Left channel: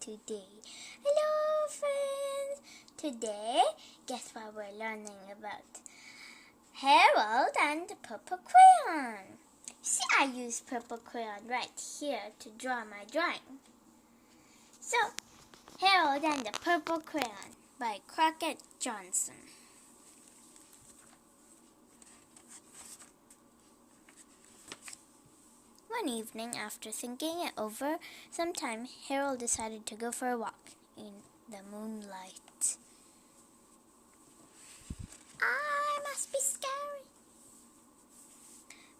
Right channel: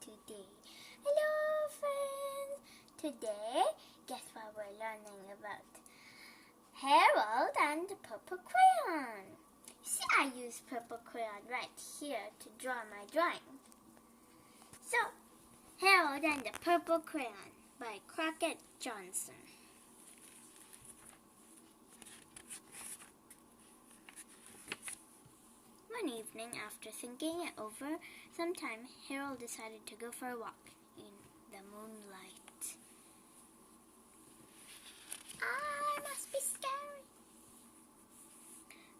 today. Hello friends! Today, guess what we're learning about? Harold and the Purple Crayon. See, I use Purple Crayon right here to draw my drawing. So, Harold and the Purple Crayon by Crockett Johnson. One evening, after thinking it over some time, Harold decided to go for a walk in the moonlight. It must be scary.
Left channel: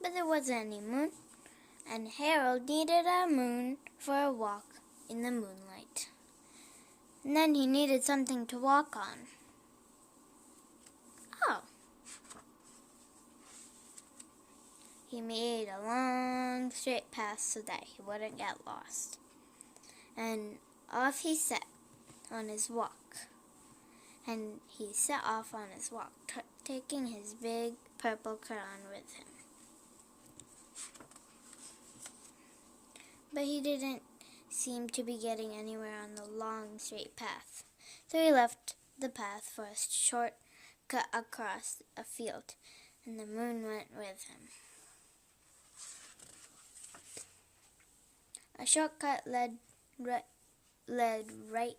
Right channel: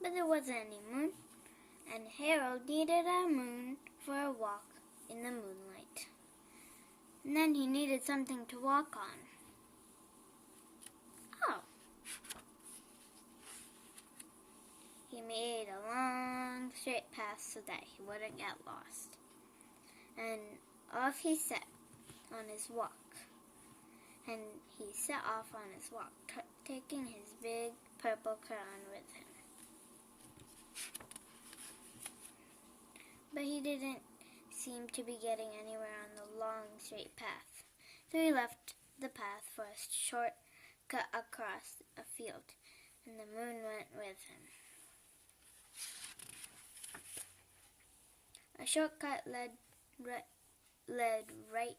But there wasn't any moon, and Harold needed a moon for a walk in the moonlight. And then he needed something to walk on. He made a long, straight path so that he wouldn't get lost. And off he set on his walk. And he set off on his walk, taking his big purple crayon with him. But he didn't seem to be getting anywhere on the long, straight path. So he left the path for a short cut across a field, and the moon went with him. A shortcut led right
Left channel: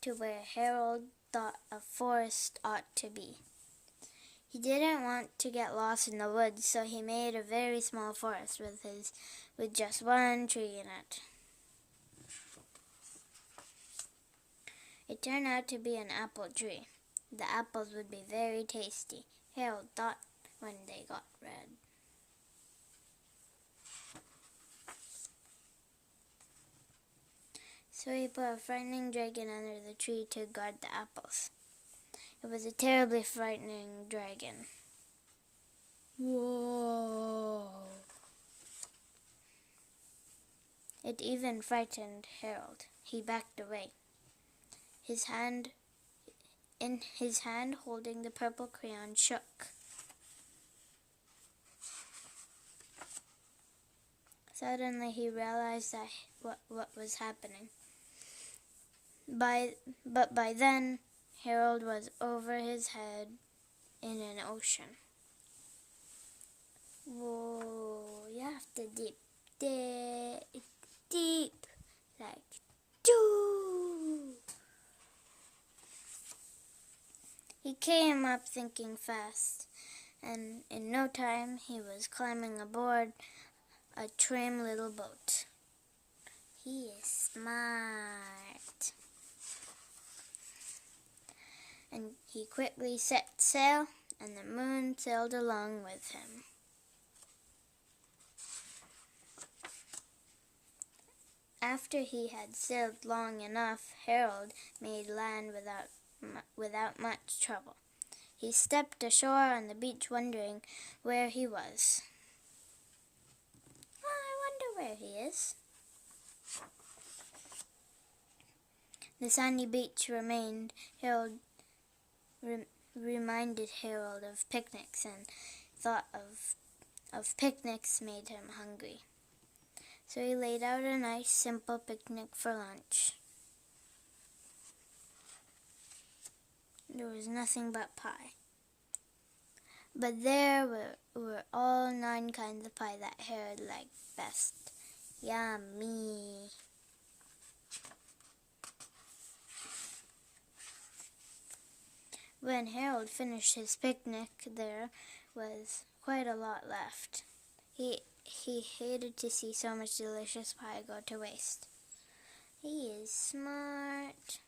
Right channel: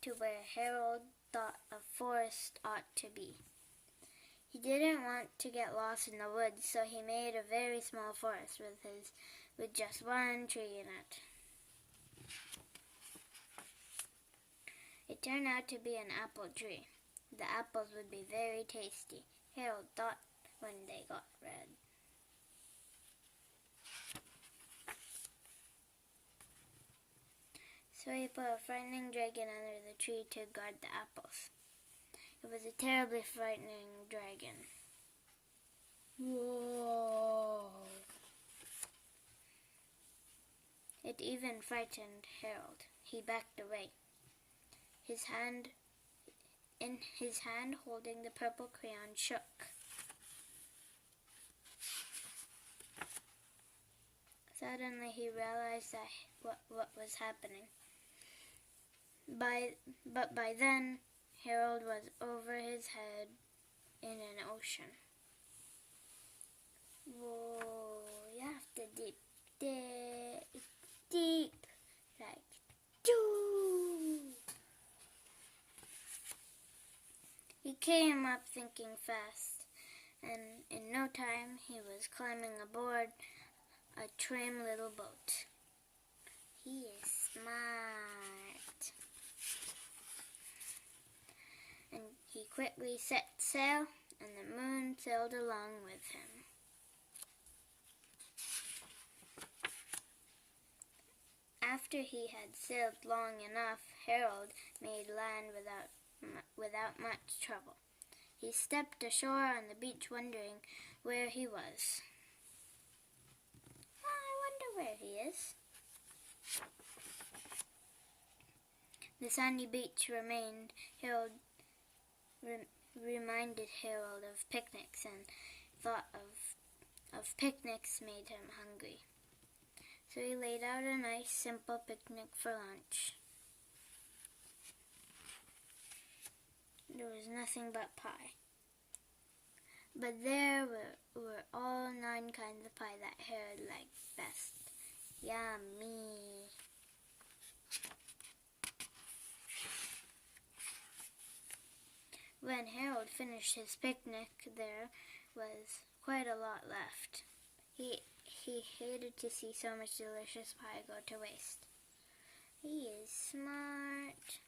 to where Harold thought a forest ought to be. He didn't want to get lost in the woods, so he made a very small forest with just one tree in it. It turned out to be an apple tree. The apples would be very tasty, Harold thought, when they got red. So he put a frightening dragon under the tree to guard the apples. It was a terribly frightening dragon. Whoa! It even frightened Harold. He backed away. In his hand holding the purple crayon shook. Suddenly he realized what was happening. But by then, Harold was over his head in an ocean. Whoa, you have to deep, like, doo. He came up thinking fast, and in no time he was climbing aboard a trim little boat. He is smart. And he quickly set sail, and the moon sailed along with him. After he had sailed long enough, Harold made land without much trouble. He stepped ashore on the beach, wondering where he was. I wonder where he is. The sandy beach reminded Harold of picnics, and thought of picnics made him hungry. So he laid out a nice, simple picnic for lunch. There was nothing but pie. But there were all 9 kinds of pie that Harold liked best. Yummy! When Harold finished his picnic, there was quite a lot left. He hated to see so much delicious pie go to waste. He is smart.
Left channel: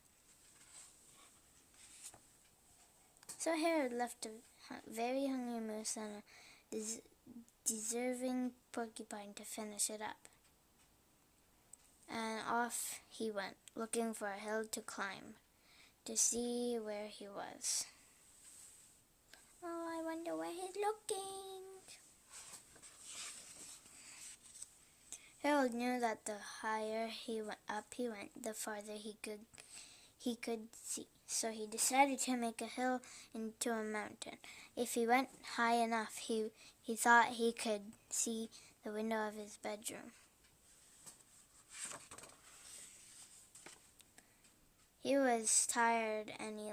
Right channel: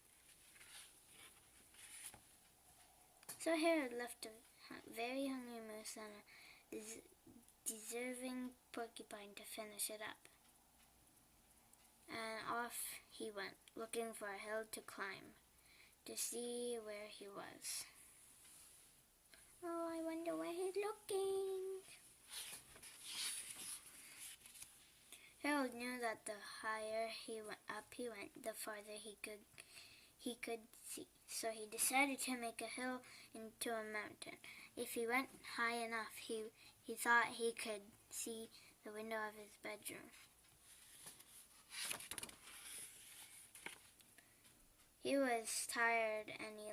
So Harold left a very hungry moose and a deserving porcupine to finish it up. And off he went, looking for a hill to climb, to see where he was. Oh, I wonder where he's looking. Harold knew that the higher he went, the farther he could see. So he decided to make a hill into a mountain. If he went high enough, he thought he could see the window of his bedroom. He was tired, and he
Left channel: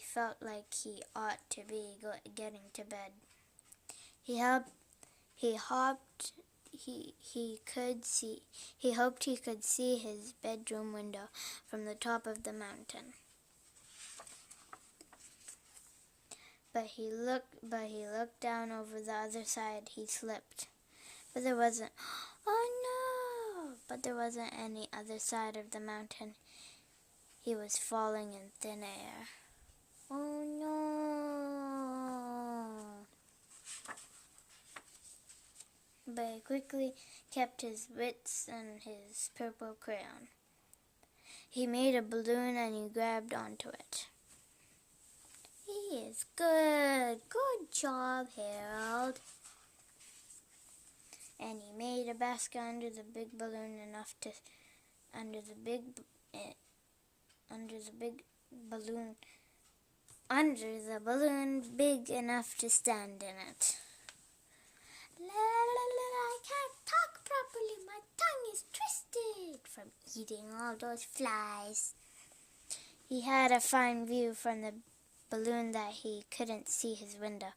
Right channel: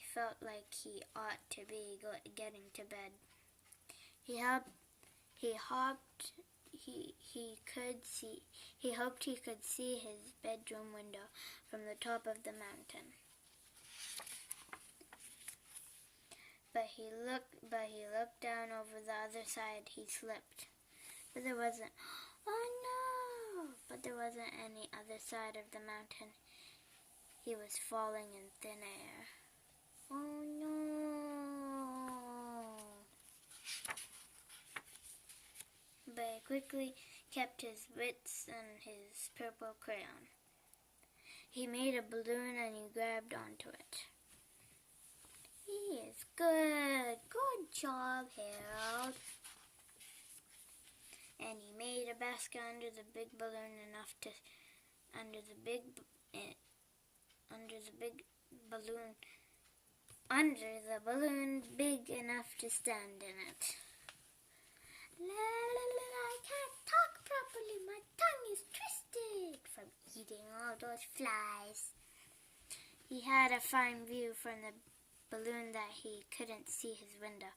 felt like he ought to be getting to bed. He hoped he could see his bedroom window from the top of the mountain. But he looked down over the other side. He slipped. But there wasn't any other side of the mountain. He was falling in thin air. Oh no! But he quickly kept his wits and his purple crayon. He made a balloon and he grabbed onto it. He is good. Good job, Harold. And he made a basket under the big balloon under the balloon big enough to stand in it. I can't talk properly. My tongue is twisted from eating all those flies. He had a fine view from the balloon that he couldn't see his window.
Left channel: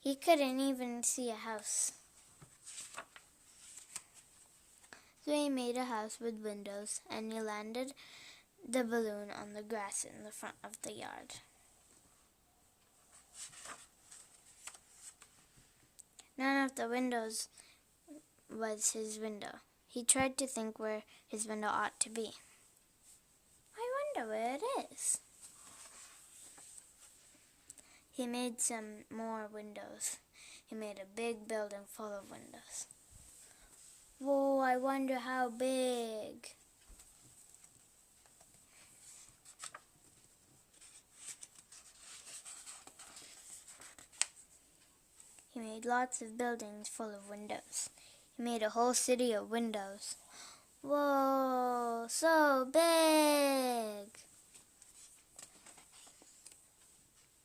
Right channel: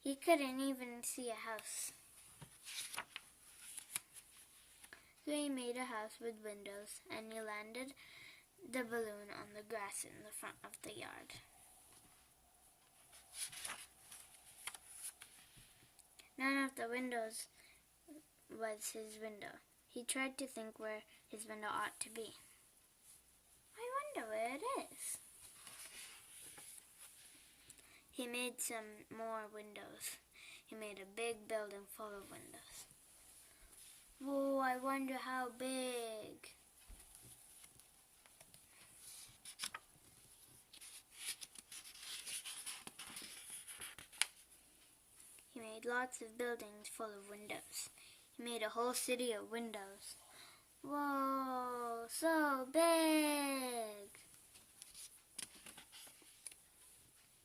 He couldn't even see a house. So he made a house with windows, and he landed the balloon on the grass in the front of the yard. None of the windows was his window. He tried to think where his window ought to be. I wonder where it is. He made some more windows. He made a big building full of windows. Whoa, I wonder how big. He made lots of buildings full of windows. He made a whole city of windows. Whoa, so big!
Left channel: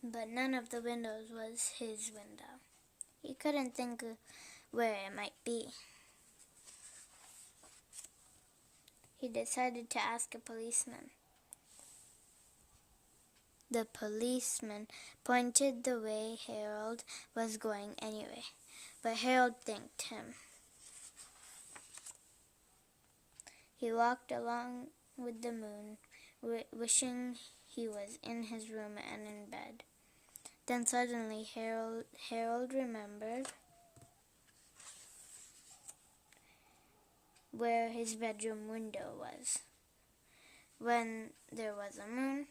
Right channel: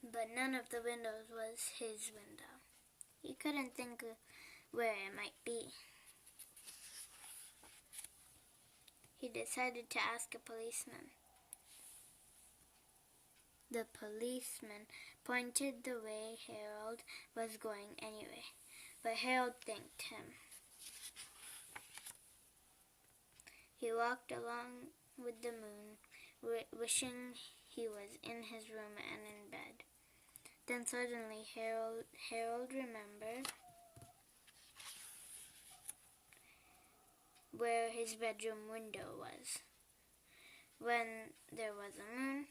But none of the windows was his window. He couldn't think of where it might be. He decided to ask a policeman. The policeman pointed the way Harold was going anyway, but Harold thanked him. He walked along with the moon, wishing he was in his room and in bed. Then suddenly Harold remembered where his bedroom window was. When there was a moon,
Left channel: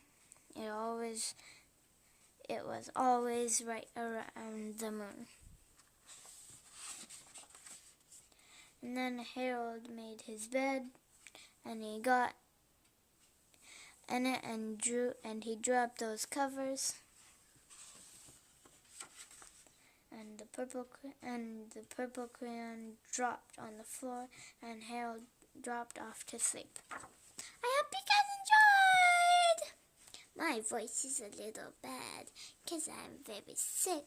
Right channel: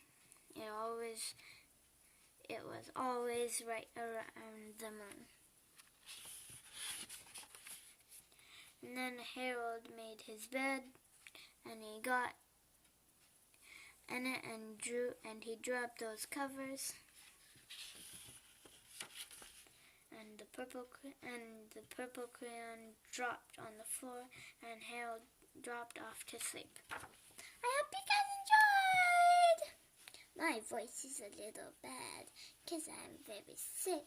it was always right around the moon. And then Harold made his bed, and he got in it and he dropped those covers, and the purple crayon dropped on the floor, and Harold dropped off to sleep. I hope you guys enjoyed! My voice is a little bad because I'm very sick.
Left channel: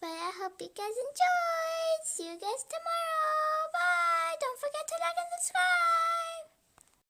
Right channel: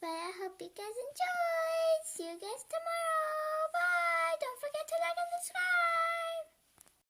But I hope you guys enjoyed. See you guys tomorrow.